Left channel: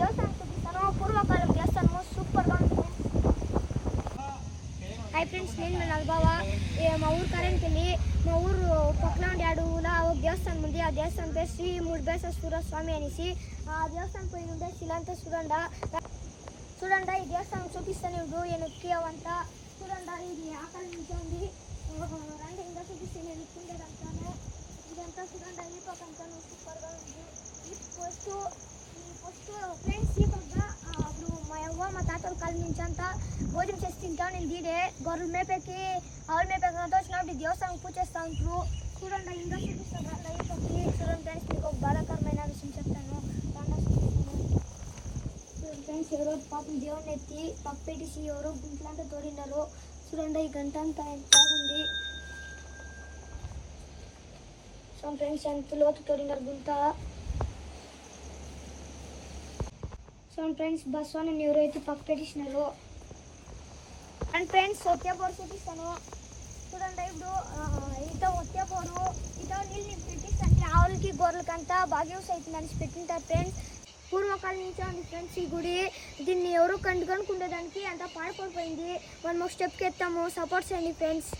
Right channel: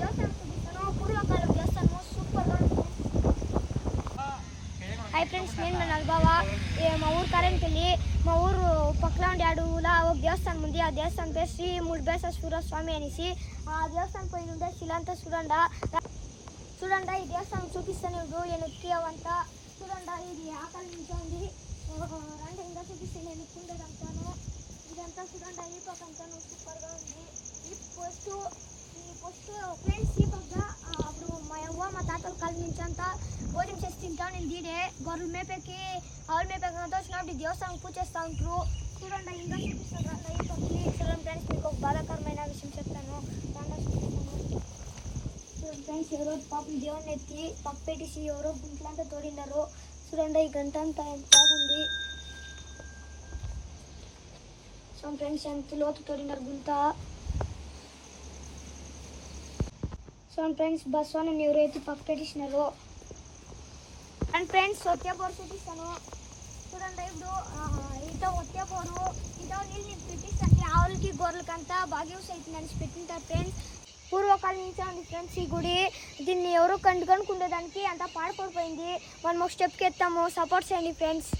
దేవస్థానం చూపిస్తాను. పూర్వకాలం దేవస్థానము సూపర్గా ఉంటుంది. హాయ్ ఫ్రెండ్స్, నేను మన అనుభవ. మా ఊరు కరెంట్పల్లి. మా ఊరు పక్కన ఉండే అడవులా ఒక దేవస్థానం ఉంది. ఆ దేవస్థానం పేరు శ్రీ ముడిబేశ్వర స్వామి అనేసి. ఆ దేవస్థానం పోయి ఉండే శిలంతా చూడండి. ఈ దేవస్థానం చూపిస్తాను. ఇప్పుడు ఎనక్కి అవంతా చూడండి. ఇది ఆకలి నుంచి ఉంది. రండి ఇంకా చూపిస్తే నేను ఎత్తుండేదంతాను. ఇదంతా చూడండి. ఈ పక్క అంతాను సూపర్గా ఉంది. ఈ పోస్ట్ ఫ్రెండ్స్ ఈ పక్క అప్పుడు మా అవ్వ మా తాతల కాలం నుంచి అంతా భోజనం చేసి తింటాను. నేను దీనే గొర్రెలు మేపేకి ఆవులు మేపేకి అంతా వచ్చినప్పుడు దేవస్థానం పూజ చేస్తూ ఉంటారు. చూడండి ఇంకా చూపిస్తాను. రండి ఈ పక్కకి చూడండి ఫ్రెండ్స్. మీకు ఒక బాధాకరమైన విషయం చెప్తాను. చూడండి ఫ్రెండ్స్, ఎవరో పాపం దేవుని ఎత్తి పప్పు పెట్టేసి ఎవరో గుంట్లంతా తోడినారు. చూడండి ఈ గంట అంతా ఎంత బాగుంది. చూడండి ఫ్రెండ్స్, ఎంత లోతు తోడినారు గుంత. చూడండి ఫ్రెండ్స్, బస్సుని ఎవరైతే పప్పు పెట్టేసినారు. అండ్ ఫ్రెండ్స్, ఒత్తేపోరు చూపిస్తాను. చూడండి ఇప్పుడు ఇట ఒత్తేపోరు ఇట నీళ్ళు పెట్టిస్తే ఆవులకి గొర్రెలకి అంతా బాగా యూస్ అవుతుందని పెట్టింటారు ఫ్రెండ్స్. పూర్వకాలం నుంచే ఉంది ఫ్రెండ్స్ ఈ గుడి. దీన్ని ఎవరో కనుకుండేదానికి అంతా పాడుపడిపోయింది. మనం ఒక స్టెప్కి ఎత్తాము. సపోర్ట్ చేయండి ఫ్రెండ్స్.